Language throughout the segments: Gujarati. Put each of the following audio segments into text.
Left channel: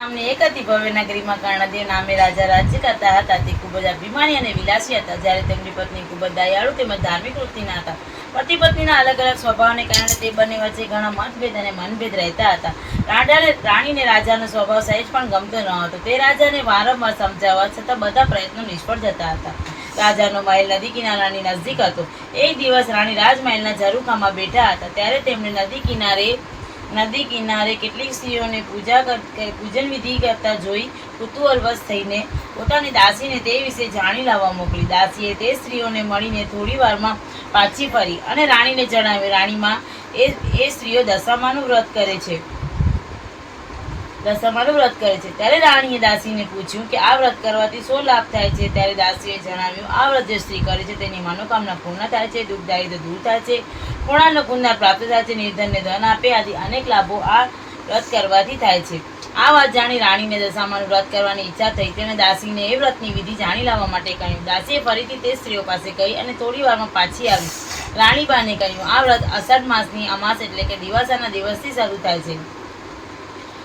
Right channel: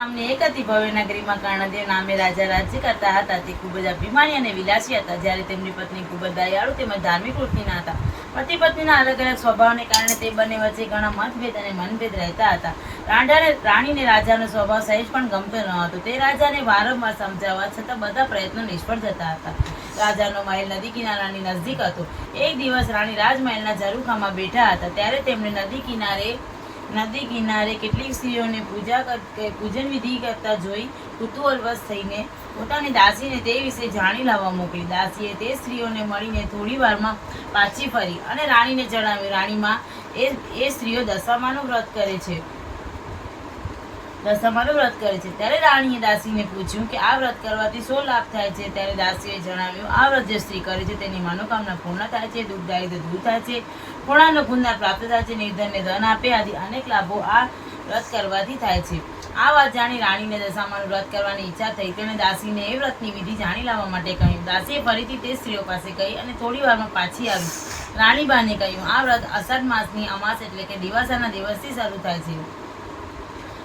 એક હતી ભવ્ય નગરીમાં કર્ણદેવ નામે રાજા રાજ્ય કરતા હતા. તે ખૂબ જ અભિમાની અને વિલાસી હતા. જ્યારે તેમની પત્ની ખૂબ જ દયાળુ તેમજ ધાર્મિક વૃત્તિના હતા. પતિ પત્નીના અલગ અલગ સ્વભાવને કારણે તે બંને વચ્ચે ઘણા મતભેદ અને મનભેદ રહેતા હતા. રાજાને રાણીને રાજાનો સ્વભાવ સહેજ પણ ગમતો ન હતો. તે રાજાને વારંવાર સમજાવવા છતાં બધા પ્રયત્નો નિષ્ફળ જતા હતા. રાજાનો મહેલ નદી કિનારાની નજદીક હતો. એક દિવસ રાણી રાજમહેલના ઝરૂખામાં બેઠા હતા. ત્યારે તેમણે નદી કિનારે નદી કિનારે કેટલીક સ્ત્રીઓને પૂજા પૂજન વિધિ કરતા જોઈ કુતૂહલવશ થઈને પોતાની દાસીને તે વિશે જાણી લાવવા મોકલી. દાસીએ તે સ્ત્રીઓને મળીને થોડી વારમાં પાછી ફરી અને રાણીને જણાવ્યું, રાણીમાં, એ એ સ્ત્રીઓ દશામાનું વ્રત કરે છે. દશામાનું વ્રત કરે છે. ત્યારે રાણીએ દાસીને પૂછ્યું કે આ વ્રત કરવાથી શું લાભ થાય છે? ત્યારે દાસીએ જણાવ્યું, આ વ્રત જે સ્ત્રી કરે છે તેની મનોકામના પૂર્ણ થાય છે, દુઃખ દારિદ્ર દૂર થાય છે પૂર્ણાનો ગુણદાર પ્રાપ્ત થાય છે, નિર્ધનને ધન આપે, આદિ અનેક લાભો આ વ્રત કરવાથી થાય છે. આ વાત જાણી રાણીને દશામાનું વ્રત કરવાની ઈચ્છા થઈ. તેણે દાસીને એ વ્રતની વિધિ જાણી લાવવા માટે કહ્યું. દાસીએ ફરીથી તે સ્ત્રીઓ પાસે ગઈ અને થોડી વારમાં પાછી આવી. રાણીબાને કહ્યું, આ વ્રત અષાઢ માસની અમાસ એટલે કે દિવાસાના દિવસથી શરૂ થાય છે.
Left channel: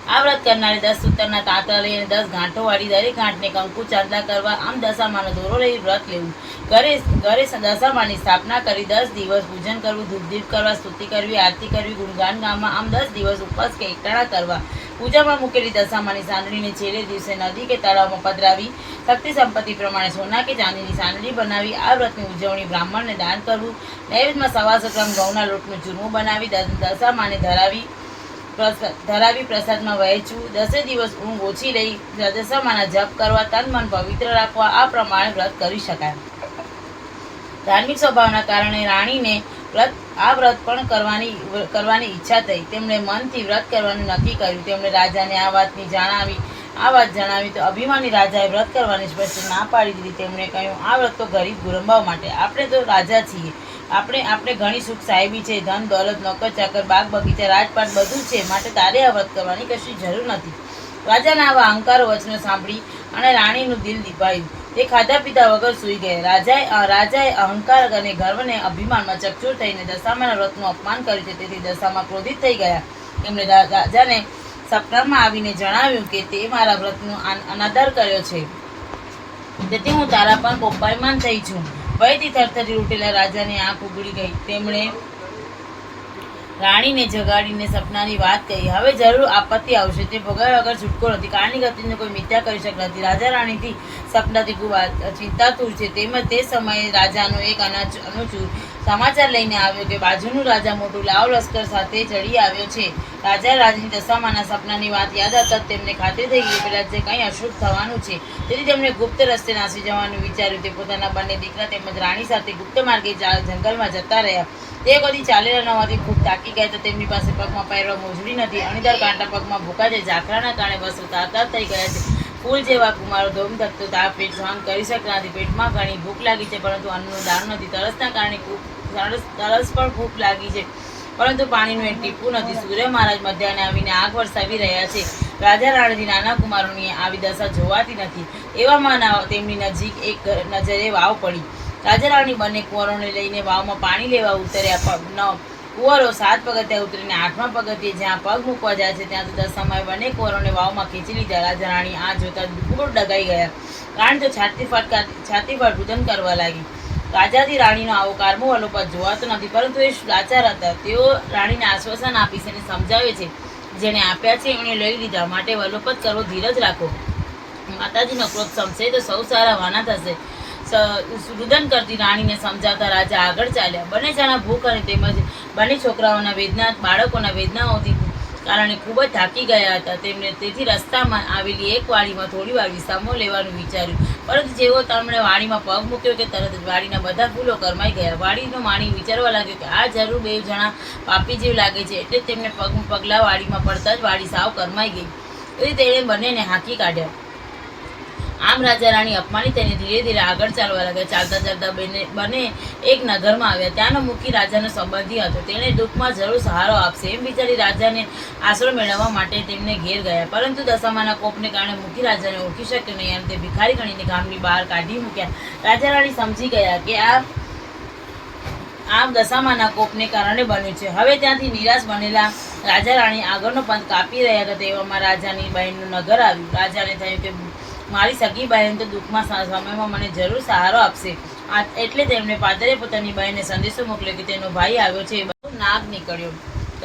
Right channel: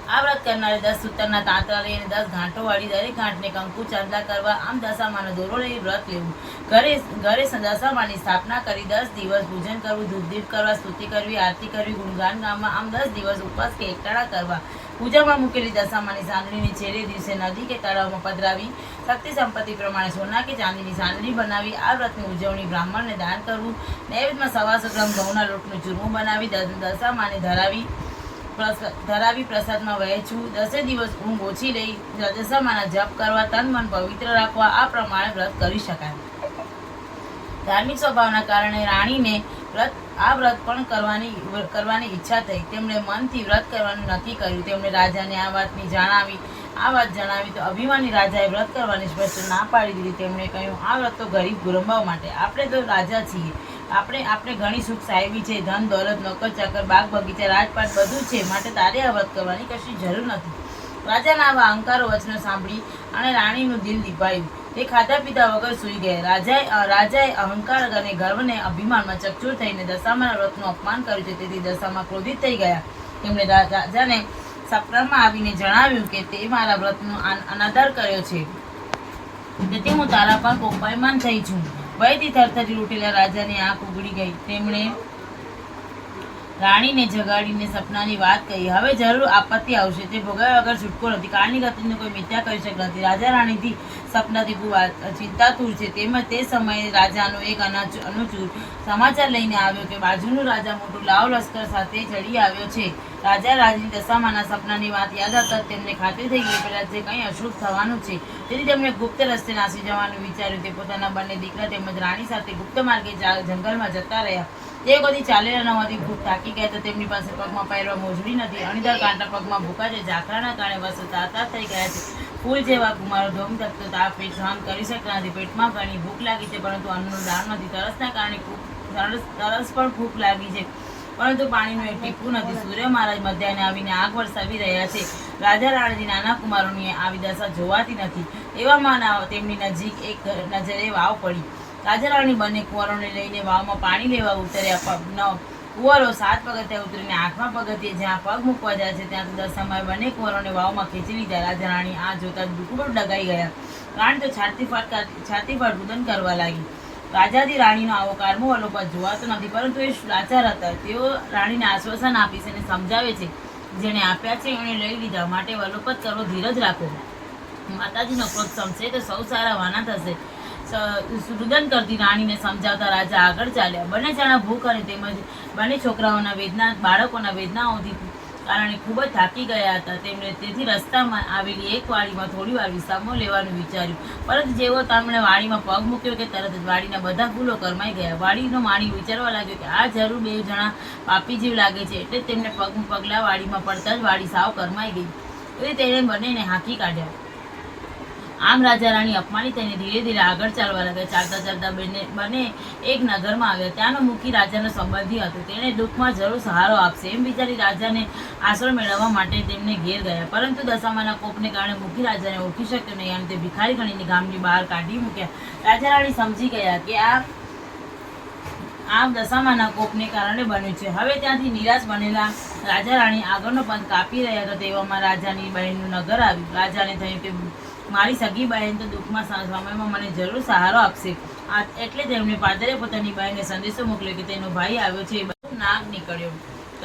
આ વ્રત કરનારે દસ સૂતરના તાંતરા લઈને દસ ગાંઠો વાળી દરેક ગાંઠને કંકુ ચાંદા કરવા આમ દશામાનો દોરો લઈ વ્રત લેવું. ઘરે ઘરે દશામાની સ્થાપના કરી દસ દિવસ પૂજન કરવું, ધૂપદીપ કરવા, સ્તુતિ કરવી, આરતી કરવી, ગુણગાન ગામમાં આમ દસ દિવસ ઉપવાસ કે એકટાણા કરવા. પૂજામાં મૂકેલી દશામાની સાંદડીને છેલ્લે દિવસે નદી કે તળાવમાં પધરાવી, શક્તિ સંપત્તિ પ્રમાણે સોના કે ચાંદીની સાંદડી બનાવી, આ વ્રતની ઉજવણી બ્રાહ્મણને દાન કરવું, નૈવેદ્યમાં સવા ગ્રામ ઘઉંના લોટનું ચૂરમું બનાવી દશામાને ધરાવી ધરાવી પ્રસાદમાં વહેંચવું. દસે દિવસ ઊંઘ ઓછી લઈ દશામાના જપ કરવા, તન મન પવિત્ર રાખવા, આ પ્રમાણે વ્રત કરી શકાય. ધાર્મિક સ્વભાવના કારણે રાણીને વ્રત આ વ્રત પણ કરવાની કરવાની ઈચ્છા થઈ. તેમણે મનથી વ્રત કરવાનું નક્કી કર્યું. તેમણે રાજાને આ વાતની જણાવી. આ વાત જણાવી તો અભિમાની રાજાએ વ્રત કરવાની સ્પષ્ટ ના પાડી દીધી. તેમણે કહ્યું, આ વ્રત તો ગરીબ ગુરંબા માટે. આપણે તો રાજા છીએ. આપણે આપણે ઘણી સુખ સાહેબી છે, ધન, દોલત, નોકર, ચાકર, બાગ, બગીચા, રાજપાટ બધું છે, માટે તારે આ કરવાની કશી જરૂર નથી. રાજાના આવા અહંકારો વચનો સાંભળી અને રાણીનું દિલ દીપાયું. તે ખાધા પીધા વગર સૂઈ ગયા. રાજાએ રાજાએ અહંકાર અને ગર્વને અભિમાનમાં ચકચૂર થઈને દશામાના વ્રતનું અપમાન કર્યું છે. તેથી દશામાં ક્રોધિત થઈ ગયા. એમણે રાજાને સપનામાં આવીને જણાવ્યું કે તે મારા વ્રતનું અન- અનાદર કર્યો છે. તેથી હું તારા પર કોપાયમાન થઈ છું. ભયથી થરથરી ઉઠેલા રાજાની આંખ ગઈ. તેમણે રાણીને જગાડીને સપનાની વાત કહી. હવે જરૂર આપત્તિ આવશે. તે ભોગાવ્યા વગર છૂટકો નથી. કાળની ગતિને કોઈ મિથ્યા કરી શકતા નથી. રાજા રાણીથી સપનાથી ખૂબ ચિંતાતુર છે. તેમજ તે સમયે રાજાનો એક અનાચ અનુચૂર સમાચાર લઈને આવ્યો કે બાજુનું રાજા મોટું લાવ લશ્કર સાથે ચડી આવ્યો છે. રાજા રાજની દશામાના સપનાની વાત યાદ આવતા તેમને ખાતરી થઈ ગઈ. પેલા જે કંઈ અશુભ થવાનું છે તેથી તેમણે ગુપ્ત રસ્તે નાસી જવાનું વિચાર્યું. તે પોતાના બંને દીકરા તેમજ રાણી સાથે ગુપ્ત માર્ગે જંગલમાં જતા રહ્યા. તે બધી ચાલેલા ન હોવાથી ખૂબ થાકી ગયા તો તેમની પાસે પગમાં પહેરવા મોજડી નથી અણીદાર કાંટા પગમાં ભૂકા છે ઝાકરાના કારણે વસ્ત્ર તાતા થઈ ગયા છે. ફૂલ જેવા મારો ધોમ ધકતો તાપ પેટ સહન કરી શકતા નથી. પેટમાં ઘણી ભૂખ લાગી છે, પરંતુ અન્નનું દાણ નથી. તરસના કારણે તરસ પણ ખૂબ લાગી છે. પરંતુ પાણીનું એક ટીપું નથી. સૂર્ય મહારાજ મધ્યાને આવીને આગ વરસાવી રહ્યા છે. રાજા રાણીથી નાના કુમારોની આવી દશા જોવાતી નથી. એવામાં તેમની નજીક એક નજરે વાવ પડી. રાજા રાણી બંને કુંવરોને લઈને વાવમાં પાણી લેવા ઉતર્યા. પગ ન કુંવરો સાત પગથિયા ઉતરીને આઠમા પગથિયે જ્યાં પગ મૂકવા જાય છે, ત્યાં તો દશામાં બંને કુંવરોને વાવમાં ખેંચી લીધા. રાજા રાણી આ જોતા ખૂબ ડગાઈ ગયા. કારણ તો છાતી ફટકા છાતી ફટ રુદન કરવા લાગી. રાજાથી રાણીનો આવો કારમો અલોપત જોવાતો નથી. પરંતુ એ લાચાર હતા. તેઓ રાણીને આશ્વાસન આપી છે અને સમજાવે છે. જેને આપ્યા છે, એણે લઈ લીધા. માટે વલોપત કરવો ધીરજ રાખો. માતાજીનો ક્રોધ સમશે તો સૌ સારા વાના થશે. રુદન કરતી રાણીને સમજાવતા રાજા આગળ ચાલ્યા. બંને જણા ભૂખ અને તેમજ બંને છોકરાઓના વેદના, બાળકોના વેદનાઓથી કારણે ખૂબ જ થાકી ગયા હતા. તેમણે તેથી રસ્તામાં આવેલી એક વાડીમાં થોડી વાર વિસામો લેવાનું વિચાર્યું. પરંતુ જેવો તેમણે વાડીમાં પગ મૂક્યો કે તરત જ વાડીના બધા ફૂલો કરમાઈ ગયા. વાડીનું માણી વિચારવા લાગ્યો કે આ જરૂર બે જણા પાપી જેવ લાગે છે. એટલે તેમને પગ પગલા વાડીમાં પડતા જ વાડી સાવ કરમાઈ ગઈ. એટલે તેણે બંનેને હાંકી કાઢ્યા. આમ રાજા રાણી અપમાનિત થઈને ધીરે ધીરે આગળ ચાલવા લાગ્યા. ચાલતા ચાલતા બંને બંને એક નગરમાં આવ્યા. ત્યાંનો મુખી રાજાનો સંબંધી હતો. તેણે દુઃખમાં જરૂર સહારો આપશે એમ વિચારી રાજાને આશરો મેળવવા માટે તેમને ઘેર ગયા. પરંતુ દશામાના કોપને કારણે મુખી રાજાને ઓળખી શક્યો નહીં અને તે ભિખારી ગણીને ગામની બહાર કાઢી મૂક્યા. રાજા રાણી સમજી ગયા કે આ, આમ દશામાના કોપને કારણે બન્યું છે. હવે ત્યાંથી નિરાશ બનેલા રાજા રાણી આગળનો પંથ કાપી રહ્યા હતા તેવામાં રાજાની બહેનનું નગર આવ્યું. રાજાને થયું કે મારી સગી બહેન તો દુઃખમાં સમયમાં મને જરૂર સહારો આપશે. એટલે તેમણે પાદરે પોતાની બહેનને સંદેશો મોકલ્યો કે તેનો ભાઈ આવ્યો છે. નાગ નીકળ્યો.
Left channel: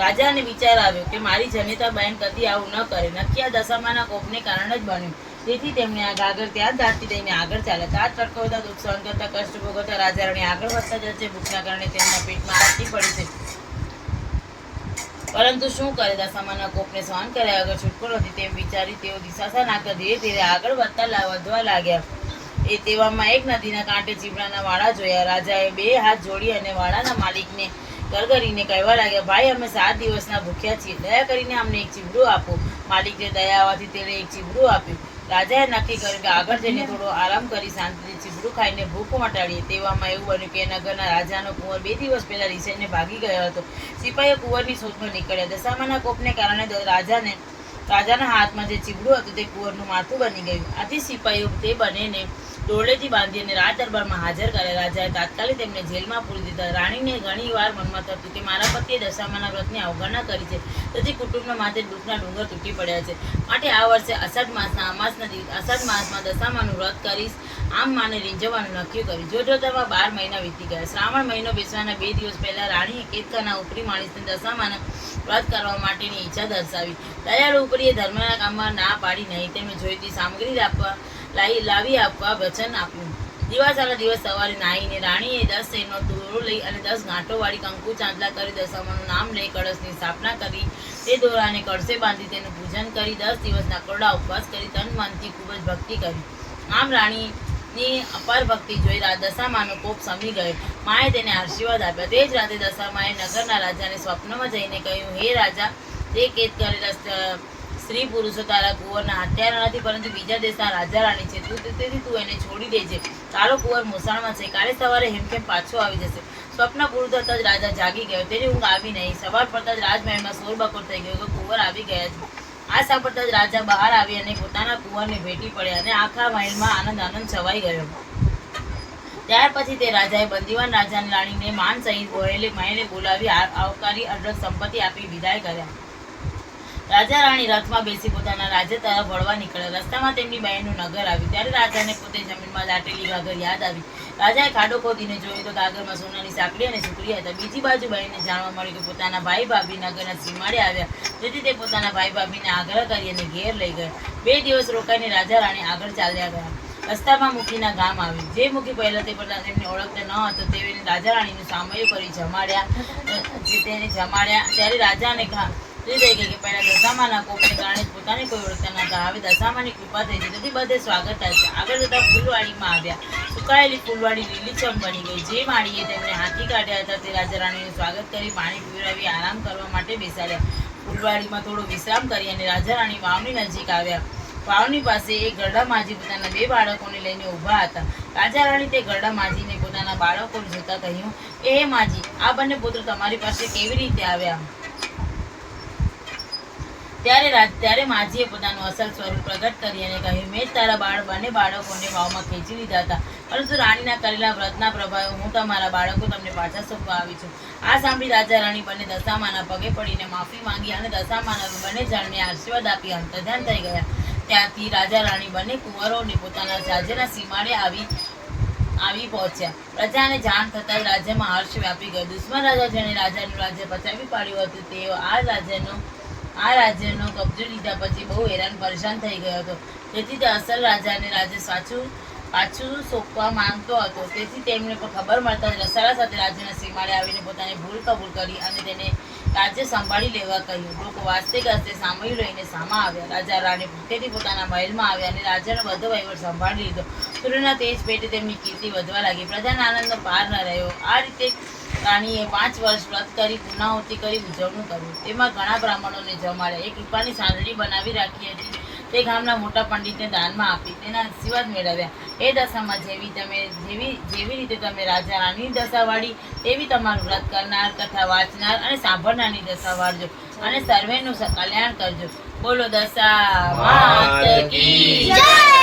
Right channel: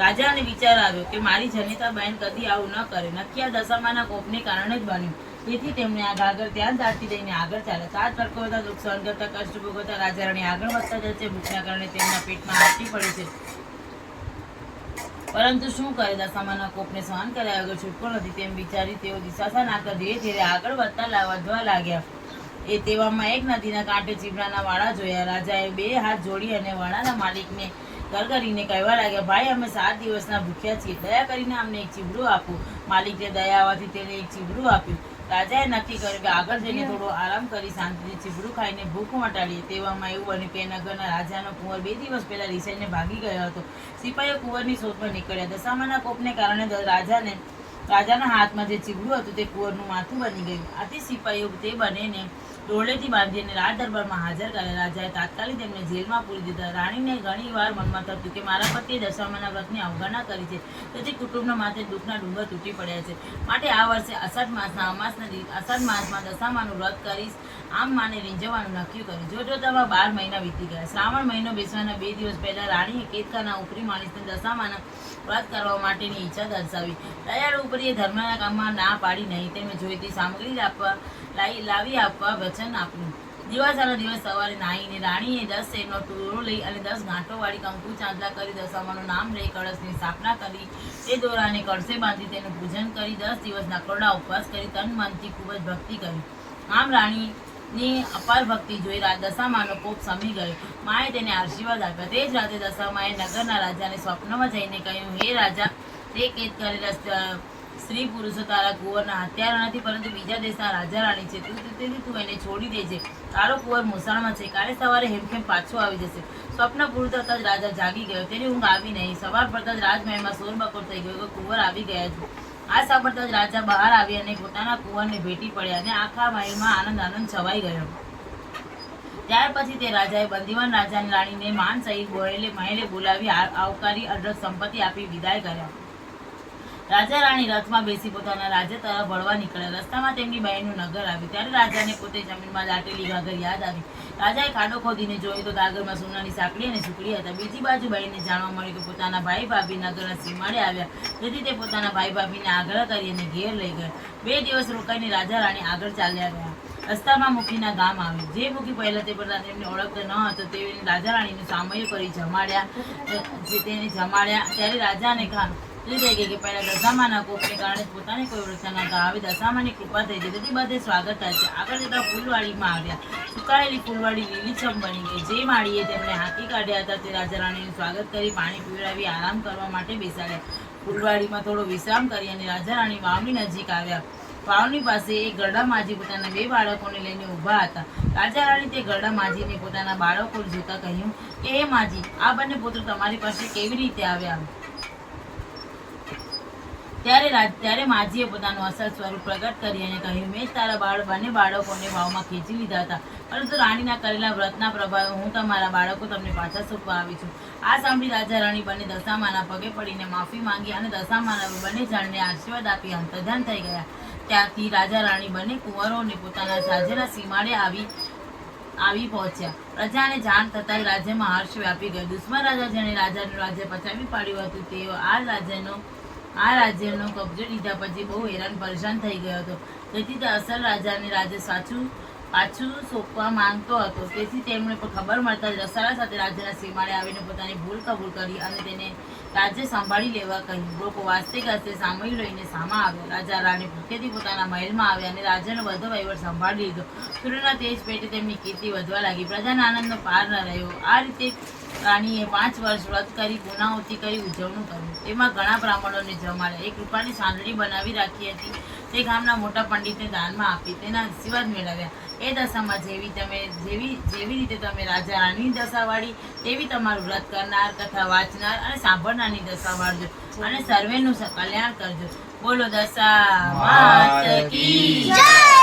રાજાને વિચાર આવ્યો કે મારી જનિતા બહેન કદી આવું ન કરે. નક્કી આ દશામાના કોપને કારણે જ બન્યું. તેથી તેમણે આ ગાગર ત્યાં દાટી દઈને આગળ ચાલ્યા. ચાર ટટકોતા દુઃખ સહન કરતા, કષ્ટ ભોગવતા રાજા રાણી આગળ વધતા જશે ભૂખના કારણે તેમના પેટમાં આટી પડી છે. પરંતુ શું કરે દશામાના કોપને સહન કર્યા આગળ છૂટકો નથી, તેમ વિચારી તેઓ દિશાસા નાકર ધીરે ધીરે આગળ વધતા વધવા લાગ્યા. એ તેવામાં એક નદીના કાંઠે ચીપડાના વાડા જોયા. રાજાએ બે હાથ જોડી અને વાડાના માલિકને ગરગરીને કહેવા લાગ્યા, ભાઈ, અમે સાત દિવસના ભૂખ્યા છીએ. દયા કરીને અમને એક ચીબડું આપો. માલિકે દયા આવવાથી તેણે એક ચીબડું આપ્યું. રાજાએ નક્કી કર્યું કે આગળ જઈને થોડો આરામ કરી શાંતિથી ચીબડું ખાઈને ભૂખ મટાડીએ તેવામાં એવું બન્યું કે એના ઘરના રાજાનો કુંવર બે દિવસ પહેલા રિસાઈને ભાગી ગયો હતો. સિપાહીઓ કુંવરની શોધમાં નીકળ્યા દશામાના કોપને કારણે રાજાને, રાજાના હાથમાં જે ચીબડું હતું તે કુંવરનું માથું બની ગયું. આથી સિપાહીઓ તે બંનેને દોરડેથી બાંધી અને રાજ દરબારમાં હાજર કરે રાજાએ તાત્કાલિક તેમને જેલમાં પૂરી દીધા. રાણીને ઘણી વાર મનમાં થતું કે મારા પતિએ દશામાના વ્રતની અવગણના કરી છે. તેથી કુટુંબના માથે દુઃખના ડુંગર તૂટી પડ્યા છે. માટે આ વર્ષે અષાઢ માસના અમાસના અષાઢ માસમાં દશામાનું વ્રત કરીશ. આમ માને રીંઝવવાનું નક્કી કર્યું. જો જોતામાં બાર મહિના વીતી ગયા. શ્રાવણ મહિનો બેસવાના બે દિવસ પહેલા રાણીએ કેતકાના ઉપરી માણસને દશામાના વ્રત કરવા માટેની ઈચ્છા દર્શાવી. દયાળુ ઉપરીએ ધર્મના કામમાં ના પાડી, નહીં, તેમણે જોઈતી સામગ્રી આપવા લાવી લાવી આપવા વચન આપ્યું દિવાસાનો દિવસ સવારે નાહીને રાણીએ દસ શેરનો દોરો લઈ અને દસ ગાંઠો વાળી કંકુ ચાંદલા કરી દશામાનું નામ લઈ, કળશની સ્થાપના કરી, તે દોરાને કળશે બાંધી તેનું પૂજન કરી, દસ દિવસના કોરડા ઉપવાસ કરી, તન મનથી ખૂબ જ ભક્તિ કરી. આમ રાણીની અપાર ભક્તિ જોઈ દશામાનો કોપ સમી ગયો. માએ તેને આશીર્વાદ આપ્યા. તે જ રાતે દશામાએ નગરના રાજાને સ્વપ્નમાં જઈને કહ્યું, હે રાજા, તે કેદ કરેલા સ્ત્રી પુરુષો તારા કુંવરના હત્યારા નથી, પરંતુ બીજા દેશના રાજા રાણી છે. તું તેથી તું એને છોડી દેજે. તારો કુંવર મોસાણમાં છે. કાલે સવારે હેમખેમ પાછો આવી જશે. સ્વપ્ન પૂરું થતાં જ રાજા જાગી ગયો. તેની ઊંઘ આવી નહીં. સવાર પડતા જ રાજમહેલમાં શોર બકોર થઈ ગયો કે કુંવર આવી ગયા છે. આ સાંભળતા જ રાજા બહાર આવી અને પોતાના કુંવરને ભેટી પડ્યા અને આખા મહેલમાં આનંદ આનંદ છવાઈ ગયો. ત્યાર પછી તે રાજાએ બંદીવાન રાજાની રાણીને માન સહિત મહેલે મહેલે બોલાવી આવકારી અઢળક સંપત્તિ આપી વિદાય કર્યા. રાજા રાણી રથમાં બેસી પોતાના રાજ્ય તરફ વળવા નીકળ્યા. રસ્તામાં તેમની બહેનનું નગર આવ્યું. ત્યારે રાજાને પોતે જમીનમાં દાટેલી ગાગર યાદ આવી. રાજાએ ખાડો ખોદીને જોયું તો ગાગરમાં સોનાની સાંકળી અને સુકડી હતા. બીજી બાજુ બહેનને જાણવા મળ્યું કે પોતાના ભાઈ ભાભી નગરના સીમાડે આવ્યા. તેથી તે પોતાના ભાઈ ભાભીને આગ્રહ કરી અને ઘેર લઈ ગયા. બે દિવસ રોકાઈને રાજા રાણી આગળ ચાલ્યા ગયા. રસ્તામાં મુખીના ગામ આવ્યું. જે મુખી પહેલા તે બધા તેમને ઓળખતા ન હતો તેને રાજા રાણીનું સામયું કરી જમાડ્યા તેને જમાડ્યા. ત્યારે રાજાને તે કે ફૂલવાડીમાં બની ગઈ. જે માળીએ તેમને હાથી કાઢ્યા હતા, તે રાજા રાણીનું સ્વાગત કરી પાણી પીવડાવી આરામ કરવા માટે બેસાડ્યા. ફૂલવાડીમાં થોડો વિશ્રામ કરી અને રાજા રાણી વાવની નજીક આવ્યા. વાવની પાસે એક ગરડા માજી પોતાના બે બાળકોને લઈને ઊભા હતા. રાજા રાણી તે ગરડા માજીને પોતાના બાળકો જોતા કહ્યું હે માજી, આ બંને પુત્ર તમારી પાસે કેવી રીતે આવ્યા? ત્યારે ત્યારે માજીએ પોતાનું અસલ સ્વરૂપ પ્રગટ કરી અને કહ્યું, મેં તારા બાળ બંને બાળકોને વાવમાં ખેંચી લીધા હતા. પરંતુ રાણીના કરેલા વ્રતના પ્રભાવે હું તમારા બાળકો તમને પાછા સોંપવા આવી છું. આ સાંભળી રાજા રાણી બંને દશામાના પગે પડીને માફી માંગી અને દશામાના બંને જણને આશીર્વાદ આપી અંતર્ધાન થઈ ગયા. ત્યાંથી રાજા રાણી બંને કુંવરોને પોતાના રાજ્યના સીમાડે આવી આવી પહોંચ્યા. પ્રજાને જાણ થતાં રાજ્યમાં હર્ષ વ્યાપી ગયો. દુશ્મન રાજા જેણે રાજાનું રાજ્ય પચાવી પાડ્યું હતું, તેઓ આ રાજ્યનો આ રાજ્યનો કબજો લીધા પછી બહુ હેરાન પરેશાન થઈ ગયો હતો. તેથી તે અસલ રાજાને રાજે સાચું, પાછું સોંપવા માંગતો હતો. તેથી તેમણે ખબર મળતા રસાળા સાથે રાજ્યના સીમાડે આવીને પોતાની ભૂલ કબૂલ કરી અને તેને રાજ્ય સંભાળી લેવા કહ્યું. લોકો વાસ્તે ગાસ્તે સામયું લઈને સામા આવ્યા. રાજા રાણી ભૂખેથી પોતાના મહેલમાં આવ્યા અને રાજાનો બધો વહીવટ સંભાળી લીધો. સૂર્યના તેજ પેટે તેમની કીર્તિ વધવા લાગી. પ્રજાના આનંદનો પાર ન રહ્યો. આ રીતે રાણીએ પાંચ વર્ષ વ્રત કરી પુનાવૃત્તિ કરી ઉજવણું કર્યું. તેમાં ઘણા બ્રાહ્મણોને જમાડ્યા એક રૂપાની સાંદડી બનાવી રાખી હતી. તે ગામના મોટા પંડિતને દાનમાં આપી તેના આશીર્વાદ મેળવ્યા. એ દશામાં જેવી તમે જેવી જેવી રીતે તમે રાજા રાણીની દશા વાળી તેવી તમારું વ્રત કરનાર કથા વાંચનાર અને સાંભળનારની દશા વાળજો અને સર્વેનું કલ્યાણ કરજો. બોલો દશા કી.